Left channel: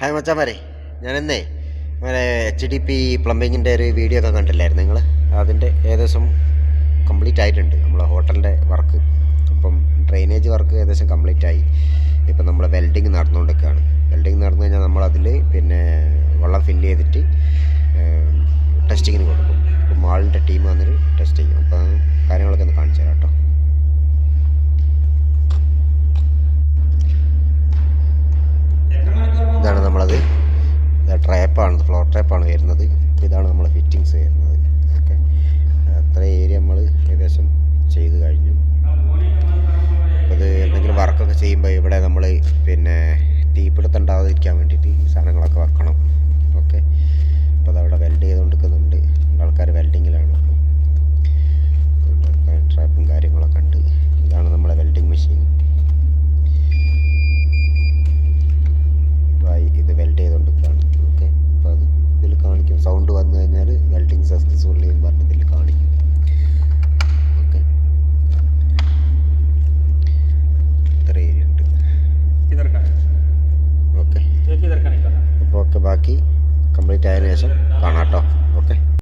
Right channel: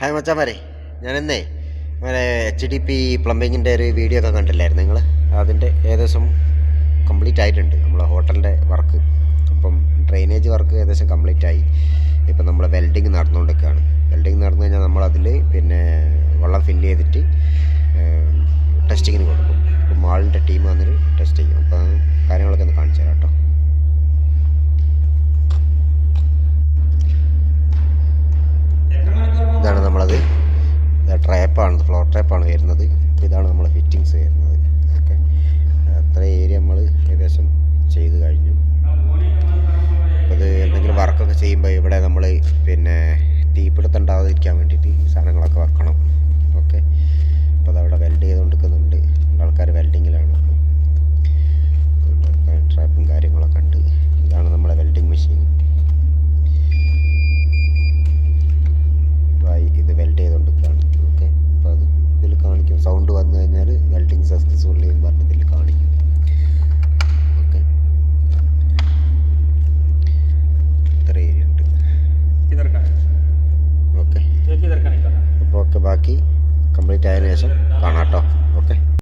Hi മച്ചാമാരെ, ഞാനെന്നേ HDP പ്ലംബിങ്ങിൻ്റെ ഒരു video ഒക്കെ കണ്ടില്ലായിരുന്നു നിങ്ങൾ? അതിൻ്റെ ഏകദേശം കംപ്ലീറ്റ് ആയിട്ടുണ്ട് നമ്മളെ ഹോട്ടലിൻ്റെ വർക്ക്. ഇപ്പം ഡ്രെയിനേജ് വർക്ക് ഏകദേശം കംപ്ലീറ്റ് ആയി. ഇപ്പം നമ്മൾ വെൽഡിങ് നടന്നുകൊണ്ടിരിക്കുകയാണ്. വെൽഡിങ് നടന്നു കഴിഞ്ഞാൽ നമ്മളതിൽ പിന്നെ വെള്ളം ഫില്ല് ചെയ്തിട്ട് ടെസ്റ്റിങ്ങിന് കൊടുക്കും. ഇപ്പം മാളിൻ്റെ ടീം വന്നിട്ട് ടെസ്റ്റ് ചെയ്യും. അപ്പം കാര്യങ്ങളൊക്കെ ഒന്ന് കാണിച്ചു തരാം കേട്ടോ. ഇതാണ് നമ്മളത് ട്രാപ്പാണ്, ഫ്ലോർ ട്രാപ്പാണ് വരുന്നത്. ഇതാണ് നമ്മളെ ഫിറ്റിങ്സ് വരുന്നത്. ഓക്കെ, അത്ര ഏരിയ നമ്മൾ ഏകദേശം ചെയ്ത് കഴിഞ്ഞു. അപ്പോൾ ഇത് എന്തെങ്കിലും വർക്കൊക്കെ ചെയ്യുമ്പോൾ ഇവിടെ നമ്മൾ പിന്നെ തീപിടുത്തണ്ടാവാതിരിക്കാൻ വേണ്ടിയിട്ട് ഈ സാധനങ്ങളൊക്കെ വെക്കണം. ഓക്കെ, അപ്പോൾ അതവിടെ വെൽഡ് ചെയ്തുകൊണ്ടിരിക്കുന്നുണ്ട്. ആൾക്കാർ വെൽഡിങ്ങിലാണ്. ട്രാപ്പും കാര്യങ്ങളൊക്കെ ഉണ്ട്. ഇതാണ് നമ്മളെ വെൽഡിങ് മെഷീൻ. ഇത് വെൽഡ് ചെയ്തുകൊണ്ടിരിക്കുകയാണ്. ഓക്കെ, അപ്പോൾ അത് ഇതിൽ കാണിക്കും. സൗണ്ട് വന്നു കഴിഞ്ഞാൽ വെൽഡിങ് സക്സസ്ഫുള്ളി എന്ന് പറഞ്ഞ് ഇതിൽ കാണിക്കും. ഓക്കെ, ഇത്ര ഏരിയ ഉണ്ട്. ഓക്കെ, അപ്പോൾ ഓക്കെ, ബാക്കി കംപ്ലീറ്റ് ആയതിനു ശേഷം കാണാം കേട്ടോ. ഓക്കെ.